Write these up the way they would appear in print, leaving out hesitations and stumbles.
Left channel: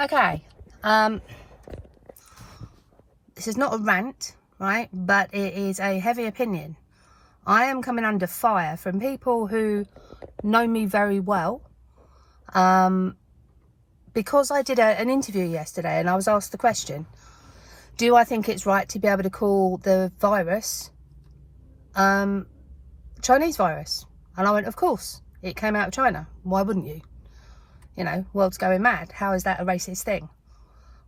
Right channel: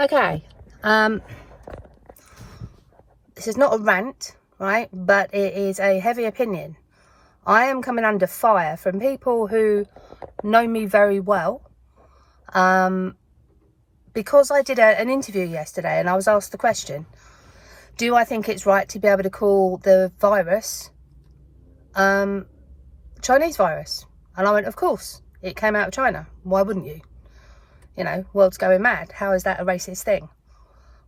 Okay, this is not a rant, right, but it is a heavy opinion. I am coming under fire from people who know me very well, because I did an interview yesterday and I was asked the question, do I think it's right to be able to call the virus Chinese virus? And I went, of course, it came out of China. Why wouldn't you? You know, world's going mad. How is that a racist thing?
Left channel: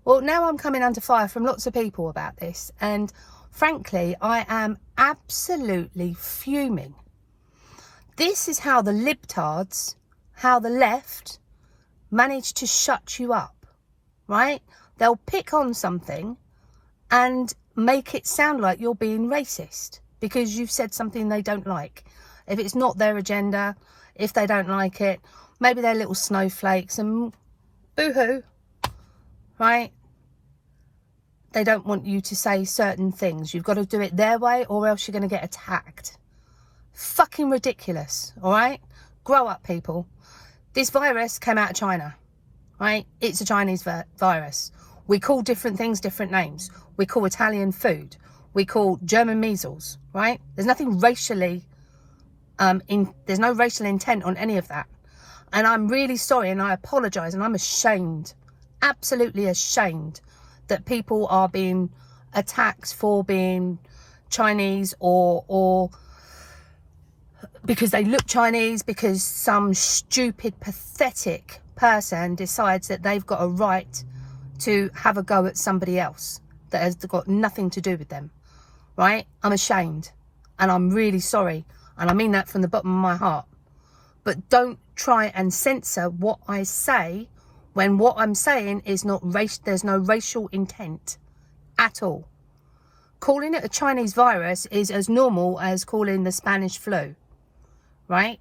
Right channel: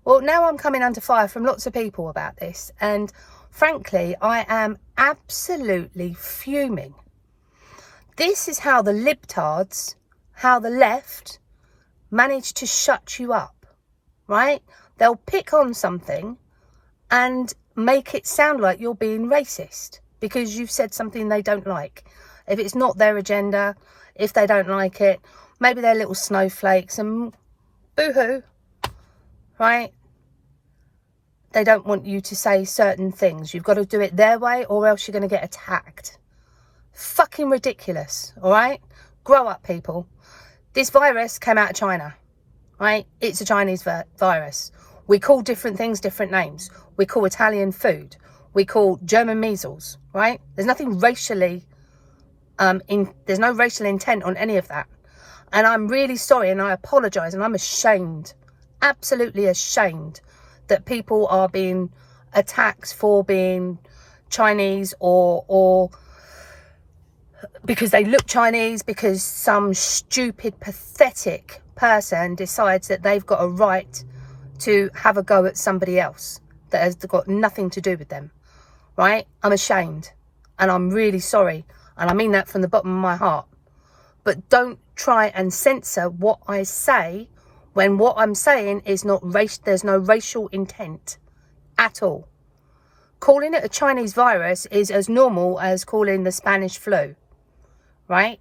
Well, now I'm coming under fire from lots of people about this. And frankly, I am absolutely fuming. This is how the libtards, how the left manage to shut you up, right? They'll pick on something and make it sound like you're being racist because you've said something they don't like. If it's not their agenda, if they don't like it, maybe they're little snowflakes and boo-hoo, right? They don't want you to say certain things. You've got to do it their way or else you're going to get attacked. Fucking ridiculous, all right? Grow up, people. This virus came out of China, right? It's a Chinese virus. We call different things different names. We call Italian food. We call German measles, right? There's nothing racially, there's no racial intent on any of that. And I'm really sorry and I apologise and I'm ashamed, absolutely ashamed that people are being attacked for being Chinese or because they look Chinese, because some stupid, pathetic person decides that they've got a right to have a go at somebody else that has got nothing to do with them, right? I'm ashamed and I'm really sorry. And I mean that from the bottom of my heart. But don't try and censor what I say when what I'm saying is not there's no racial intent at all. Calling it a Chinese virus is as normal as calling the Spanish flu, right?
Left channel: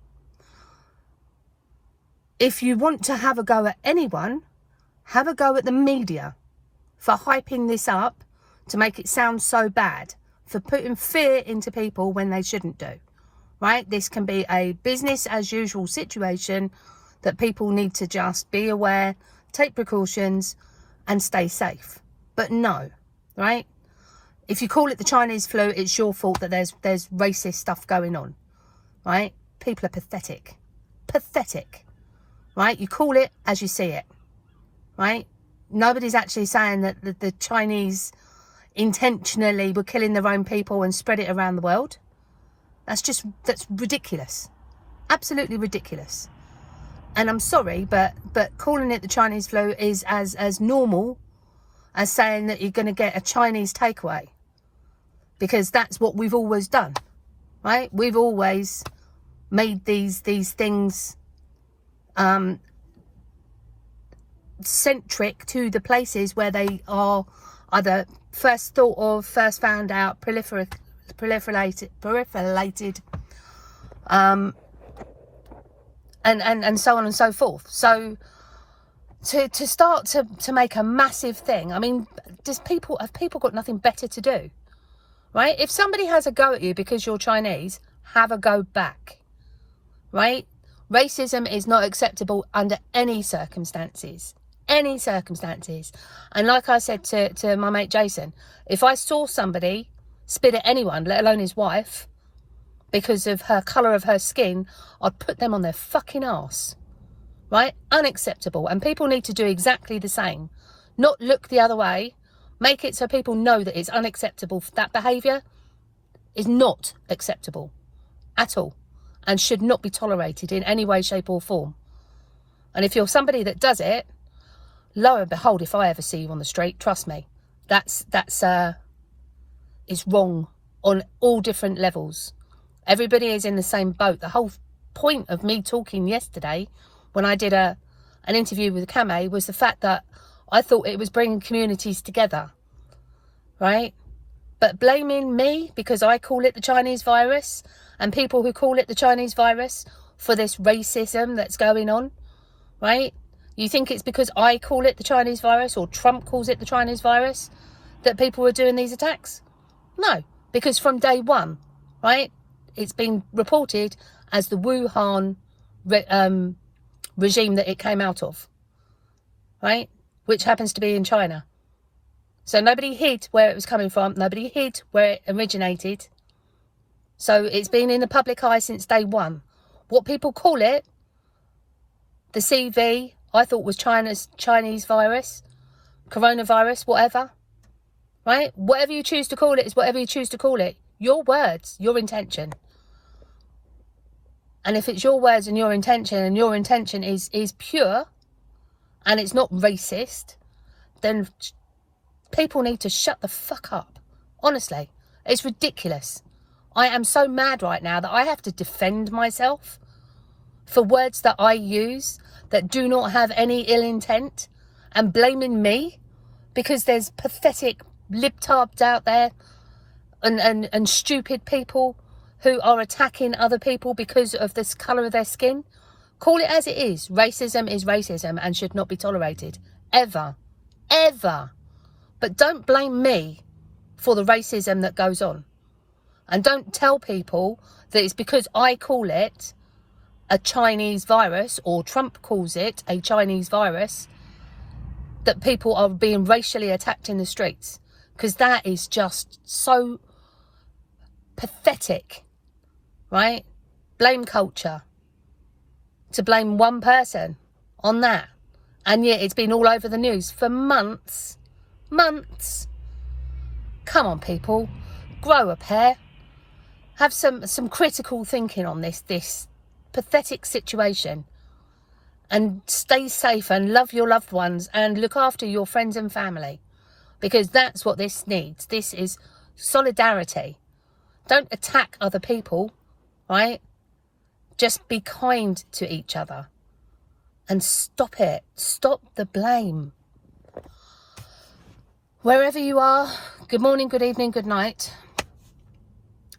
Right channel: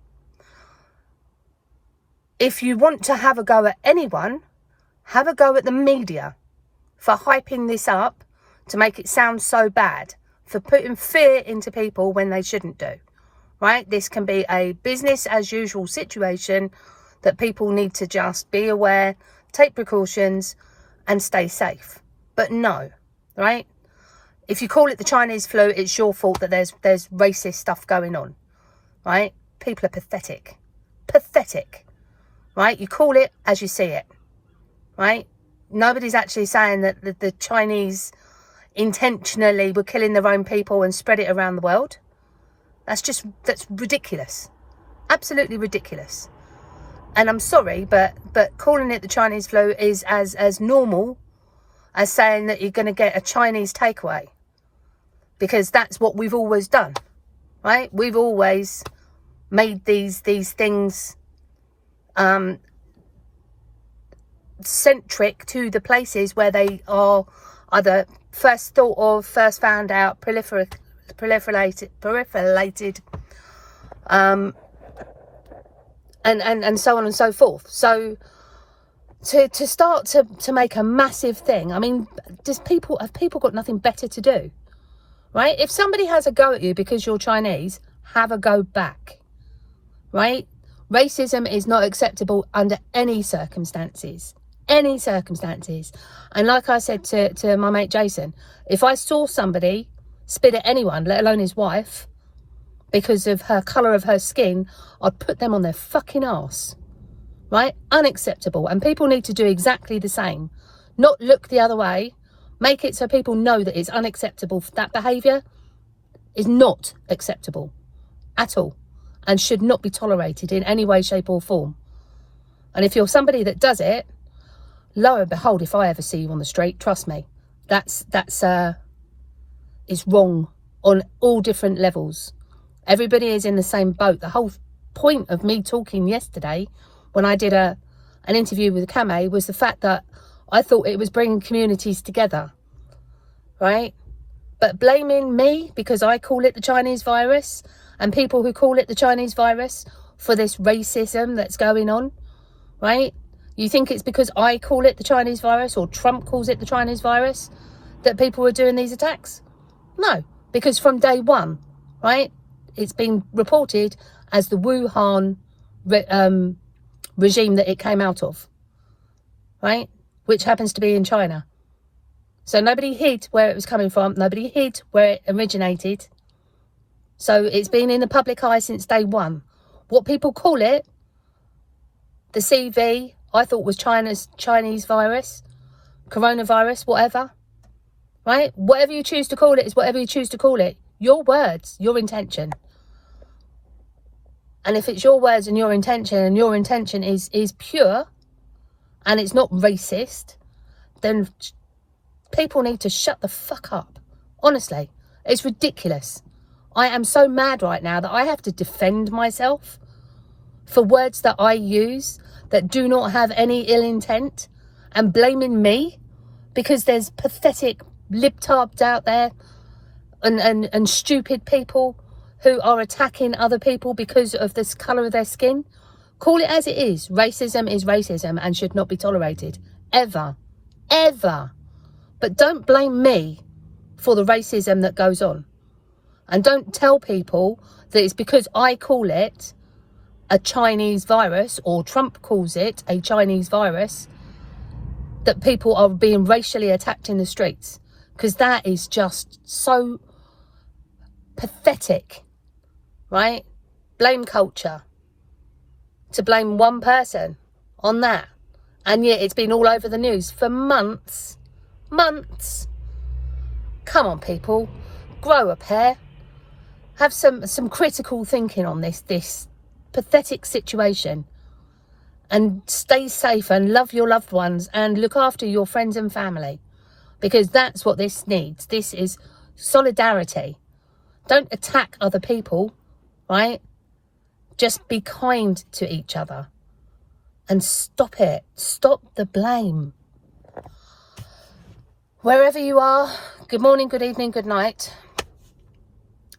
If you want to have a go at anyone, have a go at the media for hyping this up to make it sound so bad, for putting fear into people when they shouldn't do, right? This can be a business as usual situation that people need to just be aware, take precautions and stay safe. But no, right? If you call it the Chinese flu, it's your fault that there's racist stuff going on, right? People are pathetic. Pathetic, right? You call it as you see it, right? Nobody's actually saying that the Chinese intentionally were killing their own people and spread it around the world. That's ridiculous. Absolutely ridiculous. And I'm sorry, but calling it the Chinese flu is as normal as saying that you're going to get a Chinese takeaway. Because that's what we've always done, right? We've always made these things centric to the places where they are either first thought of, first found out, proliferated, and so on and so forth. So to start to make a massive thing, I mean, have people got nothing better to do, right? If somebody has a go at you because you're Chinese, have a go back, right? Racism is not acceptable under any circumstances. Any circumstances. And like I said to my mate Jason, if I saw somebody spit at anyone, let alone his wife, because of her colour of her skin, I'd put them on their fucking arse, right? Unacceptable. And people need to do exactly the same. Not look the other way. Make it so people know that it's unacceptable. That behaviour is not acceptable at all and should not be tolerated in any way, shape or form. And if you're somebody that does it, lo and behold, if I ever see you on the street, trust me, that's wrong on all different levels. Everybody is in the same boat. The whole point of me talking yesterday when I did an interview with Kame was the fact that I thought it was bringing communities together, right? But blaming me because I call it the Chinese virus and people who call it the Chinese virus for this racism that's going on, right? You think it's because I call it the Chinese virus or Trump calls it the Chinese virus that people are doing these attacks? No, because from day one, right, it's been reported as the Wuhan regime that it came out of, right? which happens to be in China. So nobody hid where it was coming from. Nobody hid where it originated. So it's been in the public eye since day one. What people call it, the CV, I thought was Chinese virus, coronavirus, whatever. Right? Whatever you choose to call it is whatever you choose to call it. Your words, your intention. And if it's your words and your intention is pure, and it's not racist, then people need to shut the fuck up. Honestly, it's ridiculous. I am so mad right now that I have to defend myself for words that I use that do not have any ill intent, and blaming me because there's pathetic libtards out there and stupid people who are attacking other people because of the colour of their skin. Call it as it is. Racism is racism and should not be tolerated. Ever. Ever. But don't blame me for the racism that goes on. And don't tell people that it's because I call it a Chinese virus, or Trump calls it a Chinese virus, that people are being racially attacked in the streets. Because that is just so pathetic, right? Blame culture. To blame one person on that. And yet it's been all over the news for months. Months. Come on, people. Grow a pair. Have some critical thinking on this pathetic situation. And stay safe and love your loved ones and look after your friends and family. Because that's what this needs. This is solidarity. Don't attack other people, right? Just be kind to each other. And stop it. Stop the blame. Wherever you are, good morning, good evening, good night.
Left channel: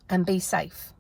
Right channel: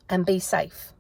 And be safe.